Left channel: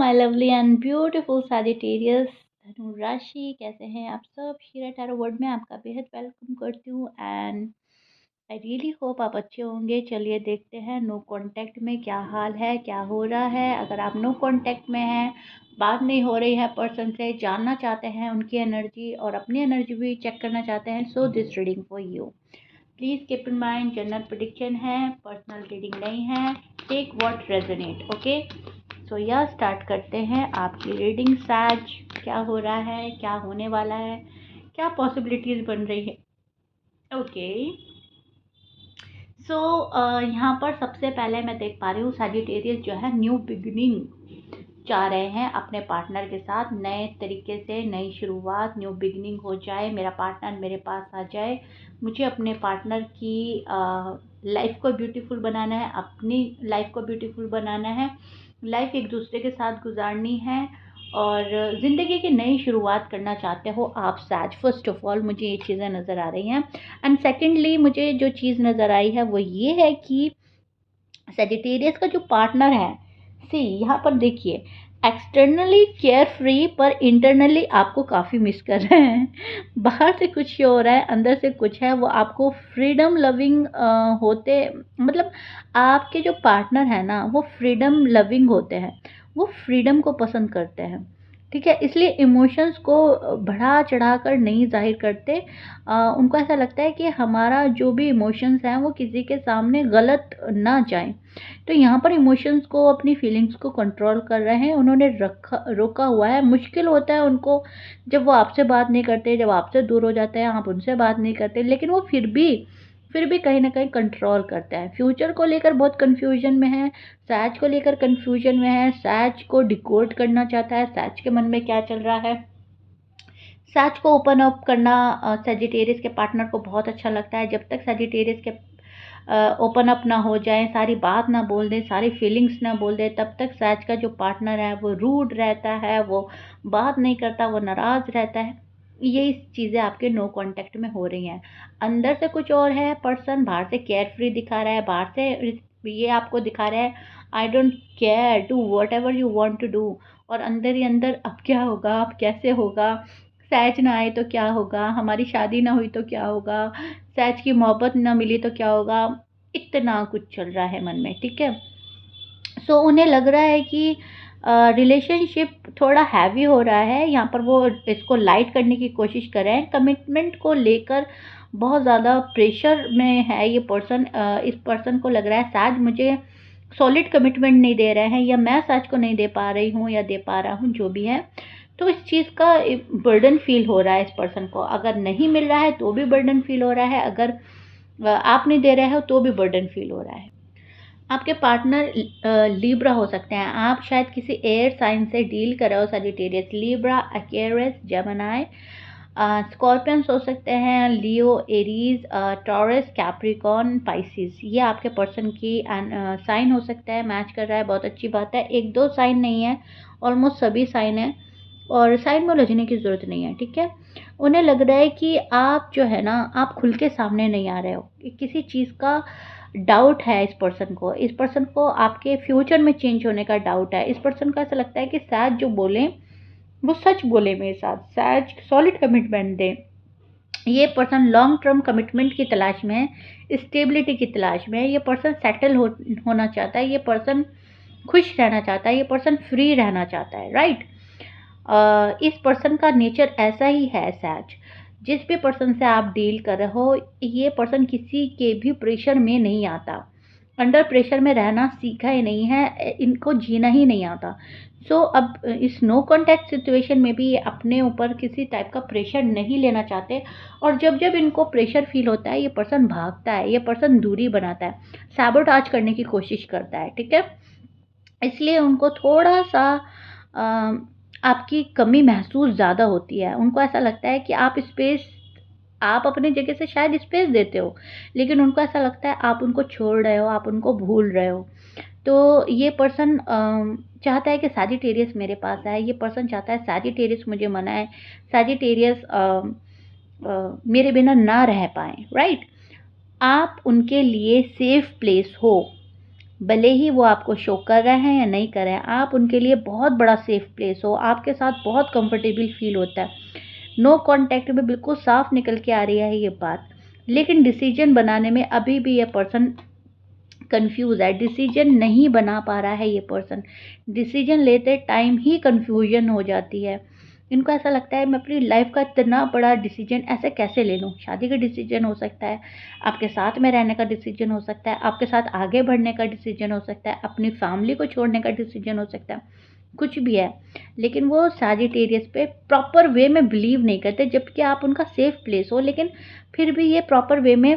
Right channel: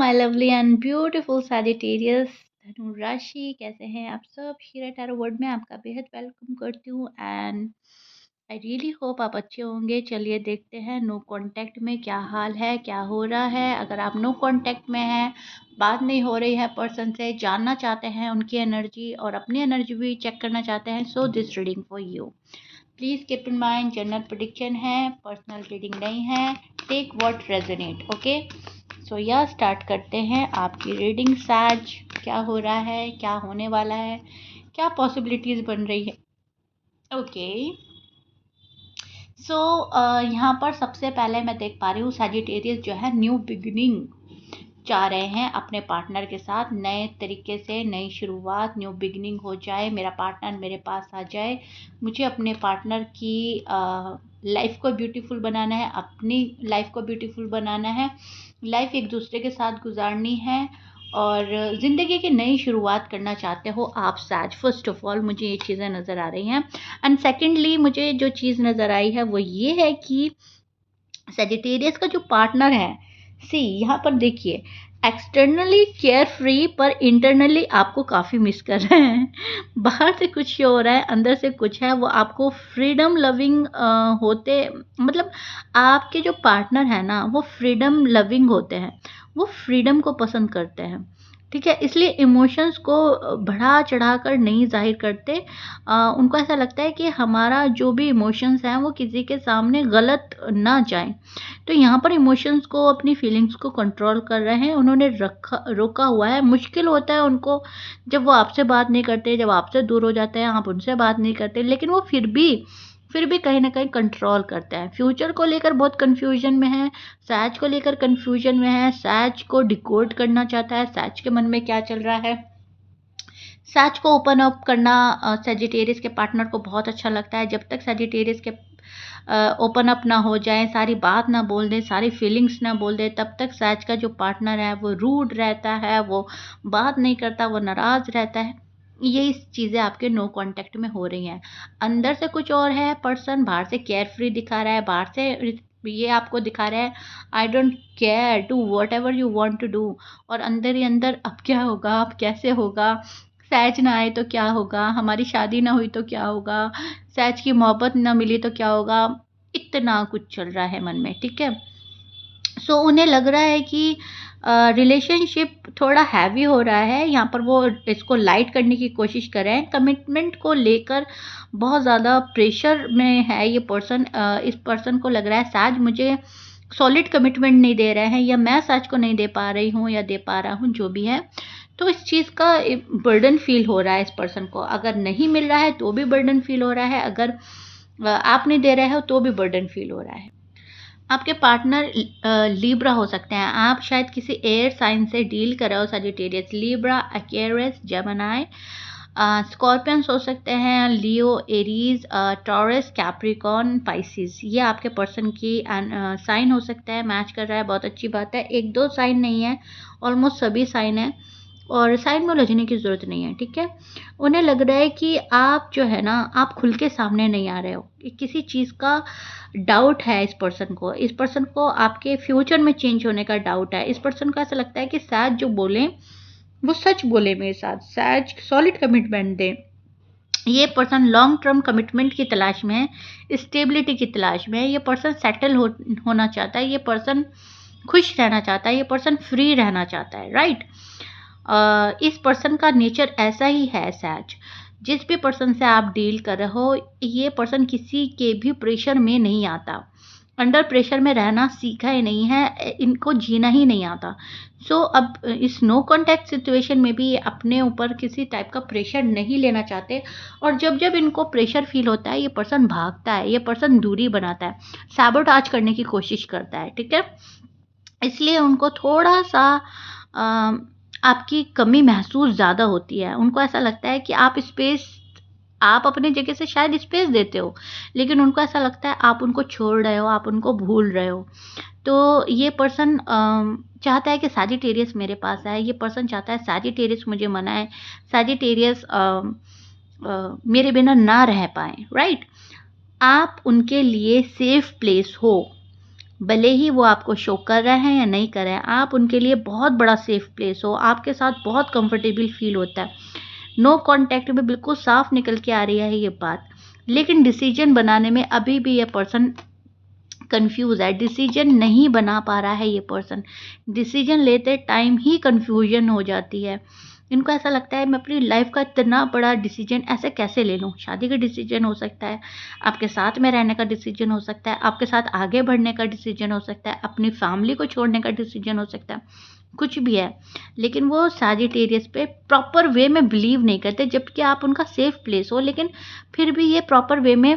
My lovely and beautiful Sagittarius धनु राशि, कैसे हैं आप सब? शीरा टैरो वर्ल्ड में आपका बेहद वेलकम करती हूँ एंड आई रियली होप आप अच्छे होंगे। चलिए देखते हैं नो कांटेक्ट में क्या हाल है, क्या हो रहा है। अगर आप नो कांटेक्ट में हैं, बात नहीं हो रही है पर्सन से, जानना चाहते हैं उनकी एनर्जी और अपनी एनर्जी भी चेक करना चाहते हैं, so this reading for you. Please keep in mind general prediction है, पर्सनल रीडिंग नहीं है। Take what resonate, okay. So यह स्टार्ट करते हैं आपकी रीडिंग। सैज, क्या हो रहा है, क्या होने वाला है, क्या पॉसिबिलिटीज़ बन रही है। ओके सो यहाँ पर सबसे पहले मैं देख पा रही हूँ सैजिटेरियस जो है न्यू बिगिनिंग चाह रहे हैं अपने पार्टनर के साथ। नए तरीके से नई शुरुआत, न्यू बिगिनिंग हो जाए, मेरा पार्टनर मेरे पास आ जाए। मुझे अपने पार्टनर की लाइफ को ब्यूटीफुल बनाना है, अपनी लाइफ को ब्यूटीफुल बनाना है, लाइफ एक दूसरे के साथ गुजारनी है और ज़िंदगी की नई शुरुआत करना चाहते हो आप सैज। फर्स्ट ऑफ ऑल मुझे ये चीज़ें नज़र आ रही हैं एंड सेकेंडली मुझे जो चीज़ नज़र आई है वो ये है कि सैजिटेरियस का जो पार्टनर है, सी यहाँ पर देखिए, एक्सटर्नली केयर फ्री पर इंटरनली आपको काफ़ी मिस कर रहे हैं। बाहर से कुछ हो रहा है, अंदर से कुछ है। वो आपको फ्रीडम लविंग होते, मतलब आपके जो पार्टनर है ना वो फ्रीडम लविंग होते हैं, वो फ्रीडम को पसंद करते हैं, ठीक है। इसलिए इमोशंस को बढ़ा चढ़ा कर नहीं जाहिर करते। उनको ऐसा लगता है कि हमारा जो भी इमोशंस हैं वो किसी के सामने गलत ना जाएं। तो यहाँ पर इमोशंस को, अपनी फीलिंग्स को कंट्रोल कर रहे हैं, उन्होंने रोका हुआ है। मुश्किल होता है उनको जब वो आपसे बात नहीं करते, जब आपसे दूर हो जाते हैं, आप उनसे बात नहीं करते, लेकिन वो फिर भी कहीं ना कहीं कंट्रोल करते हैं। फ्यूचर को लेकर बहुत कंफ्यूजन में है, सैज को लेकर कंफ्यूजन में है, सैज को डिकोड करना चाहता है, सैज के मन में क्या चल रहा है। सैज को ओपन अप करना सैजिटेरियस के पार्टनर को बहुत अच्छा लगता है। जब तक सैजिटेरियस के ओपन अप ना हो जाए, सारी बात ना बोल दे, सारी फीलिंग्स ना बोल दे, तब तक सैज का जो पार्टनर है वो रूड रहता है, वो बात नहीं करता, वो नाराज़ रहता है। ये चीज़ें आपके नो कांटेक्ट में हो रही हैं। अंदर से कुछ और है पर्सन, बाहर से केयर फ्री दिखा रहा है, बाहर से ये आपको दिखा रहा है I don't care, do whatever you want to do. और अंदर ही अंदर अब क्या होगा, अब कैसे होगा, सैज ना आए तो क्या होगा, हमारी शादी ना हुई तो क्या होगा, सैज की मोहब्बत ना मिली तो क्या होगा। इतना कुछ चल रहा है मन में, ठीक है। सो उन्हें लग रहा है कि रिलेशनशिप थोड़ा हैवी हो रहा है। यहाँ पर वो इसको लाइट करने की कोशिश कर रहे हैं। कमिटमेंट को लेकर बहुत ज़्यादा प्रेशर में है ये पर्सन। इस पर्सन को लग रहा है सैज मुझे सॉलिड कमिटमेंट नहीं दे रहे हैं, या मैं सैज को नहीं दे पा रही हूँ या दे पा रहा हूँ, जो भी है। तो इस चीज़ का बर्डन फील हो रहा है इस पर्सन को। अगर नहीं मिल रहा है तो भी बर्डन फील हो रहा है, अगर आप नहीं दे रहे हो तो भी बर्डन फील हो रहा है। आपके पार्टनर लिब्रा हो सकते हैं। आप शायद किसी एयर साइन से डील कर रहे हो Sagittarius. Libra, Aquarius, Gemini, Scorpions हो सकते हैं, Leo, Aries, Taurus, Capricorn, Pisces. ये आपके पर्सन की साइन हो सकता है। मैच कर रहा है, बहुत अच्छी बात है। एक दो साइन नहीं है, ऑलमोस्ट सभी साइन है, और साइन में उलझने की ज़रूरत नहीं है, ठीक है। उन्हें लग रहा है कि आप जो है ना, आप खुल के सामने नहीं आ रहे हो। किसी चीज़ का डाउट है इस पर्सन को। इस पर्सन को आपके फ्यूचर में चेंज होने का डाउट है। इस पर्सन को ऐसा लगता है कि सैज जो बोले वो सच बोले मेरे साथ, सैज सॉलिड कमिटमेंट दे। ये पर्सन लॉन्ग टर्म कमिटमेंट की तलाश में है, स्टेबिलिटी की तलाश में है। ये पर्सन सेटल होना चाहता है, ये पर्सन खुश रहना चाहता है, ये पर्सन फ्री रहना चाहता है, राइट। इस पर्सन का नेचर ऐसा ही है सैज। जिस भी पर्सन से आप डील कर रहे हो, ये पर्सन किसी के भी प्रेशर में नहीं आता, अंडर प्रेशर में रहना सीखा ही नहीं है, इनको जीना ही नहीं आता। अब इस नो कॉन्टैक्ट सिचुएशन में भी ये अपने ऊपर किसी टाइप का प्रेशर नहीं लेना चाहते। और जब जब इनको प्रेशर फील होता है, ये पर्सन भागता है, ये पर्सन दूरी बनाता है, सैबोटाज करने की कोशिश करता है, ठीक है। इसलिए उनको थोड़ा सा आपकी कमी महसूस ज़्यादा होती है। उनको ऐसा लगता है कि आप अपनी जगह से शायद स्पेस देते हो, लेकिन उनको ऐसा लगता है आप उनको छोड़ रहे हो, आप उनको भूल रहे हो। तो ये पर्सन चाहता है कि सैजिटेरियस मेरे पास आए, ये पर्सन चाहता है सैजिटेरियस मुझे मनाए, सैजिटेरियस मेरे बिना ना रह पाए, राइट। आप उनके लिए सेफ प्लेस हो, भले ही वो आपको शो कर रहे हैं या नहीं कर रहे हैं, आप उनके लिए बहुत बड़ा सेफ प्लेस हो, आपके साथ बहुत कंफर्टेबल फील होता है। नो कॉन्टैक्ट में बिल्कुल साफ निकल के आ रही है ये बात, लेकिन डिसीजन बनाने में अभी भी ये पर्सन कंफ्यूज है, डिसीजन नहीं बना पा रहा है ये पर्सन। डिसीजन लेते टाइम ही कंफ्यूजन हो जाती है। इनको ऐसा लगता है मैं अपनी लाइफ का इतना बड़ा डिसीजन ऐसे कैसे ले लूँ। शादी का डिसीजन हो सकता है, आपके साथ में रहने का डिसीजन हो सकता है, आपके साथ आगे बढ़ने का डिसीजन हो सकता है, अपनी फैमिली को छोड़ने का डिसीजन हो सकता है, कुछ भी है। लेकिन वो सैजिटेरियस पे प्रॉपर वे में बिलीव नहीं करते, जबकि आप उनका सेफ प्लेस हो, लेकिन फिर भी ये प्रॉपर वे में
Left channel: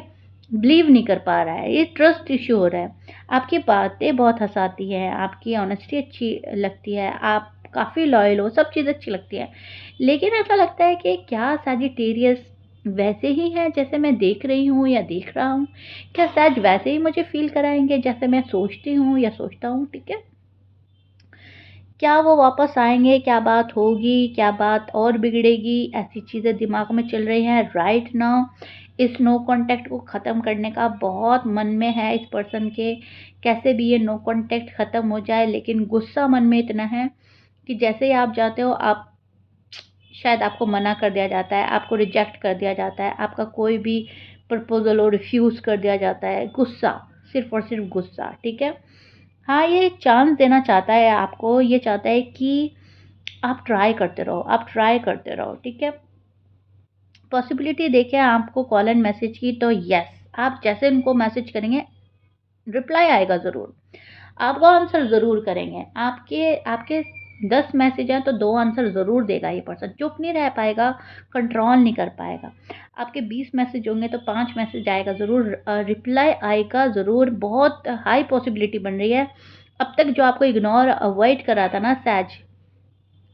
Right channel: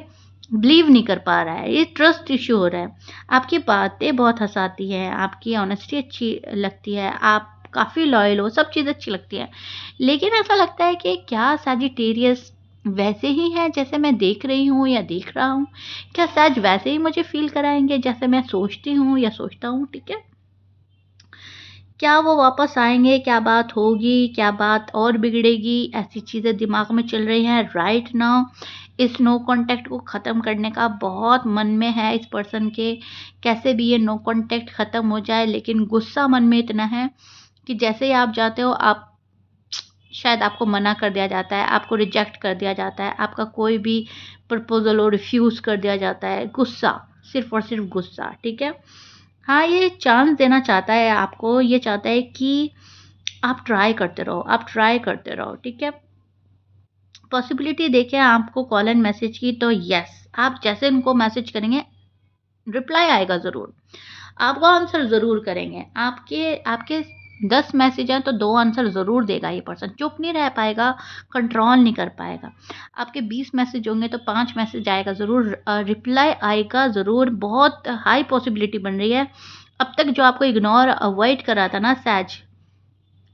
बिलीव नहीं कर पा रहा है। ये ट्रस्ट इश्यू हो रहा है। आपकी बातें बहुत हँसाती हैं, आपकी ऑनेस्टी अच्छी लगती है, आप काफ़ी लॉयल हो, सब चीज़ अच्छी लगती है। लेकिन ऐसा लगता है कि क्या सैजिटेरियस वैसे ही हैं जैसे मैं देख रही हूँ या देख रहा हूँ? क्या सैज वैसे ही मुझे फ़ील कराएँगे जैसे मैं सोचती हूँ या सोचता हूँ, ठीक है? क्या वो वापस आएँगे? क्या बात होगी? क्या बात और बिगड़ेगी? ऐसी चीज़ें दिमाग में चल रही हैं राइट नाउ। इस नो कॉन्टैक्ट को ख़त्म करने का बहुत मन में है इस पर्सन के, कैसे भी ये नो कॉन्टैक्ट ख़त्म हो जाए, लेकिन गुस्सा मन में इतना है कि जैसे ही आप जाते हो, आप शायद आपको मना कर दिया जाता है, आपको रिजेक्ट कर दिया जाता है, आपका कोई भी प्रपोज़ल हो रिफ्यूज़ कर दिया जाता है। गुस्सा, सिर्फ़ और सिर्फ़ गुस्सा, ठीक है? हाँ, ये चांस देना चाहता है आपको, ये चाहता है कि आप ट्राई करते रहो, आप ट्राई करते रहो, ठीक है? पॉसिबिलिटी देखें आपको कॉल एंड मैसेज की, तो येस, आप जैसे उनको मैसेज करेंगे, रिप्लाई आएगा ज़रूर। आपको आंसर ज़रूर करेंगे। आपके आपके 10 मैसेज हैं तो 2 आंसर ज़रूर देगा ये पर्सन। चुप नहीं रह पाएगा, कंट्रोल नहीं कर पाएगा। आपके 20 मैसेज होंगे तो 5 मैसेज आएगा ज़रूर, रिप्लाई आएगा ज़रूर। बहुत हाई पॉसिबिलिटी बन रही है। अब तक जो आपको इग्नोर अवॉइड कर रहा था ना सैज,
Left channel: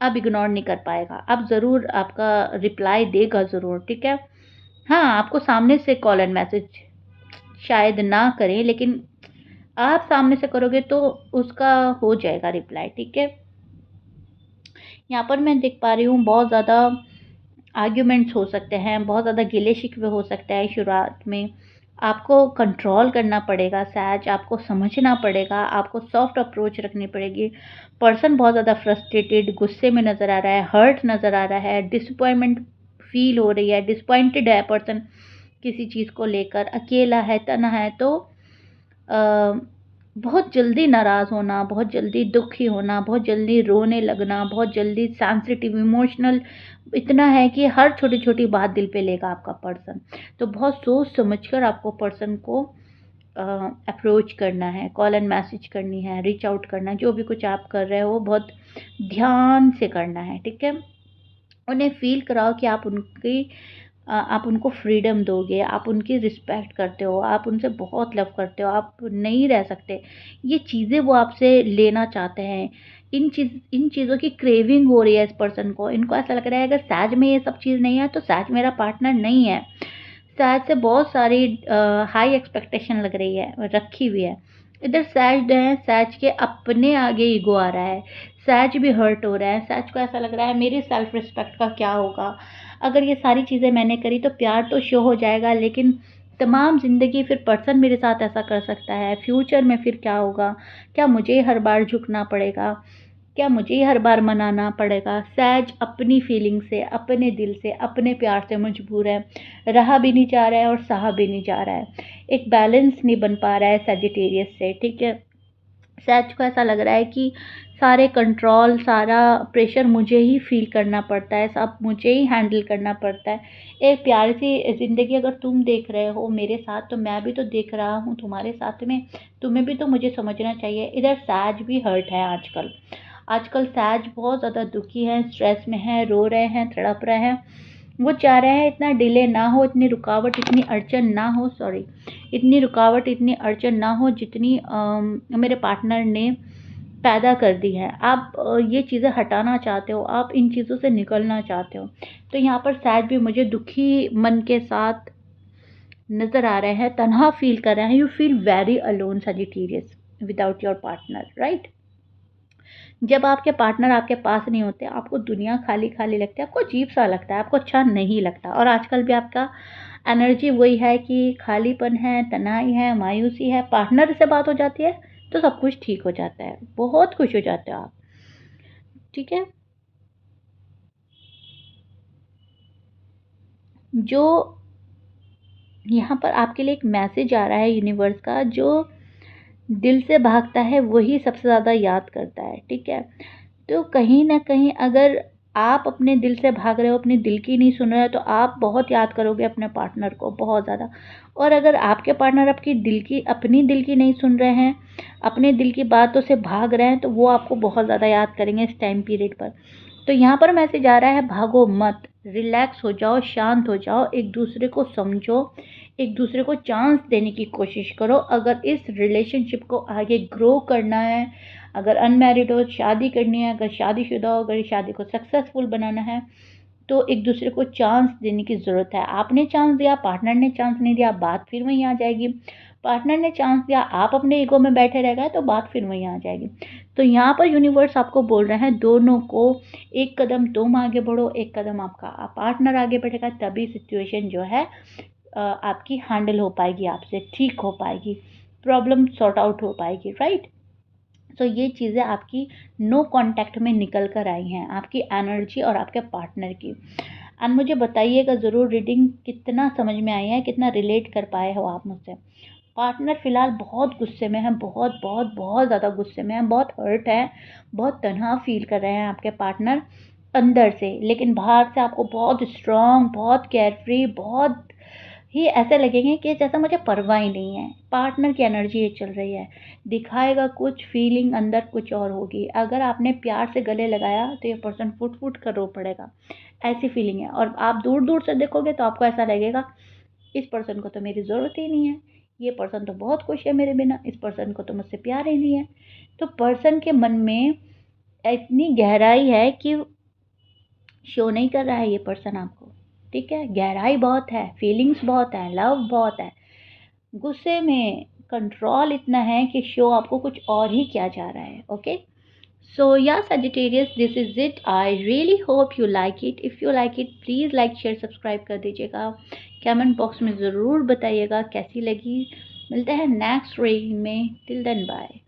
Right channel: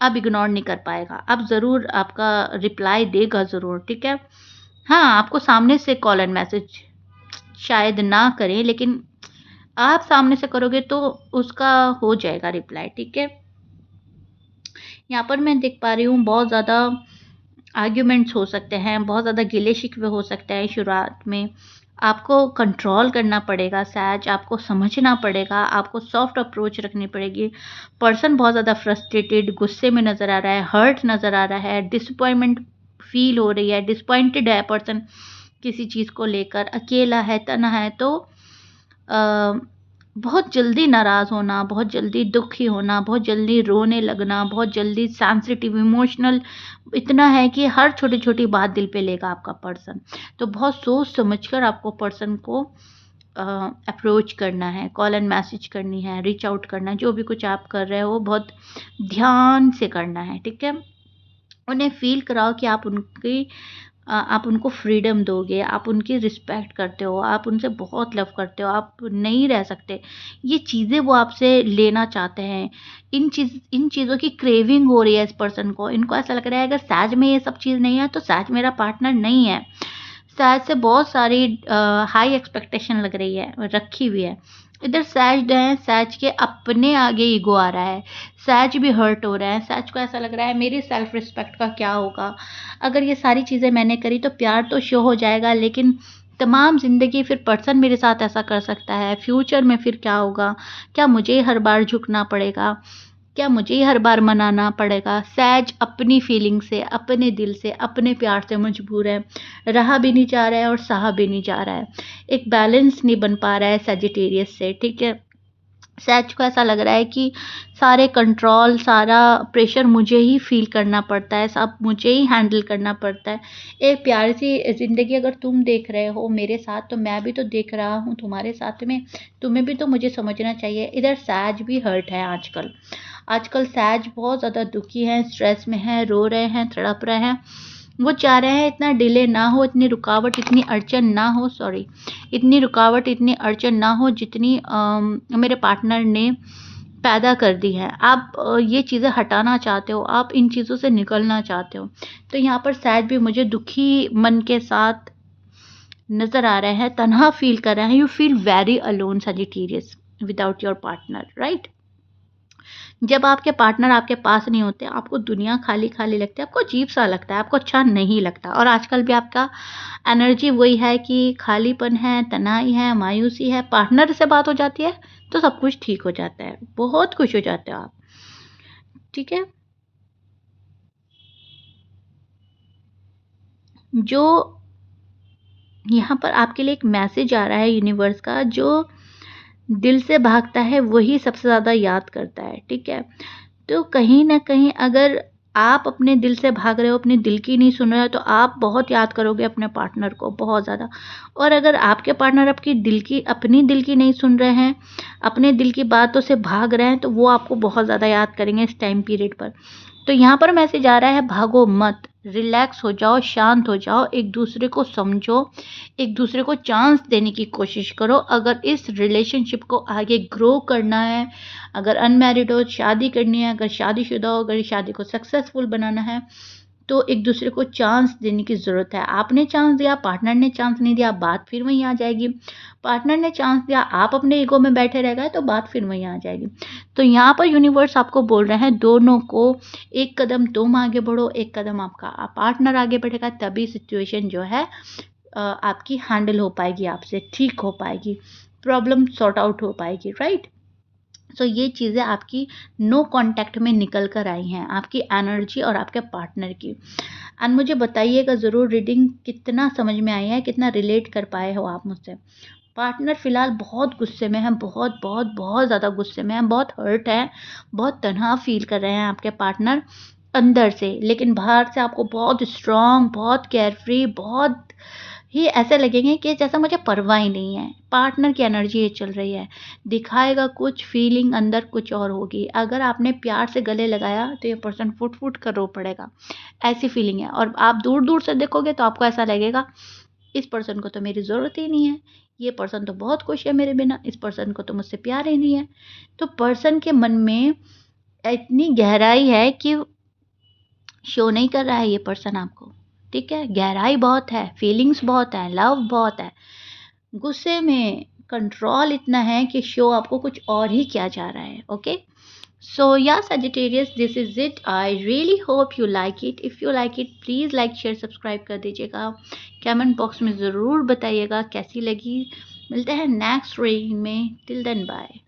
अब इग्नोर नहीं कर पाएगा। अब ज़रूर आपका रिप्लाई देगा ज़रूर, ठीक है? हाँ, आपको सामने से कॉल एंड मैसेज शायद ना करें, लेकिन आप सामने से करोगे तो उसका हो जाएगा रिप्लाई, ठीक है? यहाँ पर मैं देख पा रही हूँ बहुत ज़्यादा आर्ग्यूमेंट्स हो सकते हैं, बहुत ज़्यादा गिले-शिकवे हो सकते हैं शुरुआत में। आपको कंट्रोल करना पड़ेगा सैज, आपको समझना पड़ेगा, आपको सॉफ्ट अप्रोच रखनी पड़ेगी। पर्सन बहुत ज़्यादा फ्रस्ट्रेटेड, गुस्से में नज़र आ रहा है, हर्ट नज़र आ रहा है, डिसअपॉइंटमेंट फ़ील हो रही है, डिसअपॉइंटेड है पर्सन किसी चीज़ को लेकर, अकेला है, तन्हा है, तो अ, बहुत जल्दी नाराज़ होना, बहुत जल्दी दुखी होना, बहुत जल्दी रोने लगना, बहुत जल्दी सेंसिटिव, इमोशनल इतना है कि हर छोटी-छोटी बात दिल पे लेगा आपका पर्सन। तो बहुत सोच समझ कर आपको पर्सन को अ, अप्रोच करना है, कॉल एंड मैसेज करनी है, रीच आउट करना है, जो भी कुछ आप कर रहे हो बहुत ध्यान से करना है, ठीक है? उन्हें फ़ील कराओ कि आप उनको फ्रीडम दोगे, आप उनकी रिस्पेक्ट करते हो, आप उनसे बहुत लव करते हो, आप नहीं रह सकते। ये चीज़ें वो आपसे लेना चाहते हैं। इन चीज़ों की क्रेविंग हो रही है इस पर्सन को। इनको ऐसा लग रहा है अगर सैज में ये सब चीज़ नहीं है तो सैज मेरा पार्टनर नहीं है। सैज से बहुत सारी हाई एक्सपेक्टेशन लग रही है, रखी हुई है। इधर सैज है, सैज के अपने आगे ईगो आ रहा है। सैज भी हर्ट हो रहा है, सैज को ऐसा लग रहा है मेरी सेल्फ रिस्पेक्ट का क्या होगा? अगर ये सारी चीज़ें मैंने करी तो प्यार तो शो हो जाएगा, लेकिन तमाम ज़िंदगी फिर पर्सन मेरे साथ ऐसा कर सकता है, फ्यूचर में फिर क्या होगा? क्या मुझे हर बार झुकना पड़ेगा? क्या मुझे ही हर बार मनाना पड़ेगा? सैज अपनी फीलिंग से, अपने दिल से, अपने प्यार से मजबूर है। रहा भी नहीं जा रहा है और सहा भी नहीं जा रहा है। एक बैलेंस नहीं बन पा रहा है सैजिटेरियस से, ठीक है? सैज को ऐसा लग रहा है कि सारे कंट्रोल, सारा प्रेशर मुझे ही फ़ील करना पड़ता है, सब मुझे ही हैंडल करना पड़ता है। एक प्यारी सी ज़िंदगी अगर तुम देख रहे हो मेरे साथ, तो मैं भी तो देख रहा हूँ तुम्हारे साथ में, तुम्हें भी तो मुझे समझना चाहिए। इधर सैज भी हर्ट है आजकल। आजकल सैज बहुत ज़्यादा दुखी हैं, स्ट्रेस में हैं, रो रहे हैं, तड़प रहे हैं। वो चाह रहे हैं इतना डिले ना हो, इतनी रुकावट, इतनी अड़चन ना हो, सॉरी, इतनी रुकावट, इतनी अड़चन ना हो जितनी मेरे पार्टनर ने पैदा कर दी है। आप ये चीज़ें हटाना चाहते हो, आप इन चीज़ों से निकलना चाहते हो। तो यहाँ पर सैज भी मुझे दुखी मन के साथ नज़र आ रहे हैं, तन्हा फ़ील कर रहे हैं। You feel very alone Sagittarius without your partner, right? जब आपके पार्टनर आपके पास नहीं होते, आपको दुनिया खाली-खाली लगती है, आपको अजीब-सा लगता है, आपको अच्छा नहीं लगता। और आजकल भी आपका एनर्जी वही है कि खालीपन है, तन्हाई है, मायूसी है। पार्टनर से बात हो जाती है तो सब कुछ ठीक हो जाता है, बहुत खुश हो जाते हो आप। ठीक है, जो यहाँ पर आपके लिए एक मैसेज आ रहा है यूनिवर्स का, जो दिल से भागता है वही सबसे ज़्यादा याद करता है। ठीक है, तो कहीं न कहीं अगर आप अपने दिल से भाग रहे हो, अपने दिल की नहीं सुन रहे हो, तो आप बहुत याद करोगे अपने पार्टनर को, बहुत ज़्यादा। और अगर आपके पार्टनर आपकी अपनी दिल की नहीं सुन रहे हैं, अपने दिल की बातों से भाग रहे हैं, तो वो आपको बहुत ज़्यादा याद करेंगे इस टाइम पीरियड पर। तो यहाँ पर मैसेज आ रहा है, भागो मत, रिलैक्स हो जाओ, शांत हो जाओ, एक दूसरे को समझो, एक दूसरे को चांस देने की कोशिश करो। अगर इस रिलेशनशिप को आगे ग्रो करना है, अगर अनमैरिड हो, शादी करनी है, अगर शादीशुदा हो, अगर शादी को सक्सेसफुल बनाना है, तो एक दूसरे को चांस देने की ज़रूरत है। आपने चांस दिया, पार्टनर ने चांस नहीं दिया, बात फिर वहीं आ जाएगी। पार्टनर ने चांस दिया, आप अपने ईगो में बैठे रह गए, तो बात फिर वहीं आ जाएगी। तो यहाँ पर यूनिवर्स आपको बोल रहे हैं, दोनों को एक कदम तुम आगे बढ़ो, एक कदम आपका पार्टनर आगे बढ़ेगा, तभी सिचुएशन जो है आपकी हैंडल हो पाएगी, आपसे ठीक हो पाएगी, प्रॉब्लम सॉर्ट आउट हो पाएगी, राइट? सो ये चीज़ें आपकी नो कांटेक्ट में निकल कर आई हैं, आपकी एनर्जी और आपके पार्टनर की। एंड मुझे बताइएगा ज़रूर रीडिंग कितना समझ में आई है, कितना रिलेट कर पाए हो आप मुझसे। पार्टनर फ़िलहाल बहुत गुस्से में है, बहुत बहुत बहुत ज़्यादा गुस्से में है, बहुत हर्ट है, बहुत तनहा फ़ील कर रहे हैं आपके पार्टनर अंदर से, लेकिन बाहर से आपको बहुत स्ट्रॉन्ग, बहुत केयरफ्री, बहुत ही ऐसे लगेंगे कि जैसा मुझे परवाह ही नहीं है। पार्टनर की एनर्जी ये चल रही है, दिखाएगा कुछ, फीलिंग अंदर कुछ और होगी। अगर आपने प्यार से गले लगाया तो ये पर्सन फुट फुट कर रो पड़ेगा, ऐसी फीलिंग है। और आप दूर दूर से देखोगे तो आपको ऐसा लगेगा, इस पर्सन को तो मेरी ज़रूरत ही नहीं है, ये पर्सन तो बहुत खुश है मेरे बिना, इस पर्सन को तो मुझसे प्यार ही नहीं है। तो पर्सन के मन में इतनी गहराई है कि शो नहीं कर रहा है ये पर्सन आपको। ठीक है, गहराई बहुत है, फीलिंग्स बहुत है, लव बहुत है, गुस्से में कंट्रोल इतना है कि शो आपको कुछ और ही किया जा रहा है। ओके, सो या Sagittarius, this is it. I really hope you like it. If you like it, please like share subscribe कर दीजिएगा, कमेंट बॉक्स में ज़रूर बताइएगा कैसी लगी। मिलते हैं नेक्स्ट रीडिंग में, टिल देन बाय।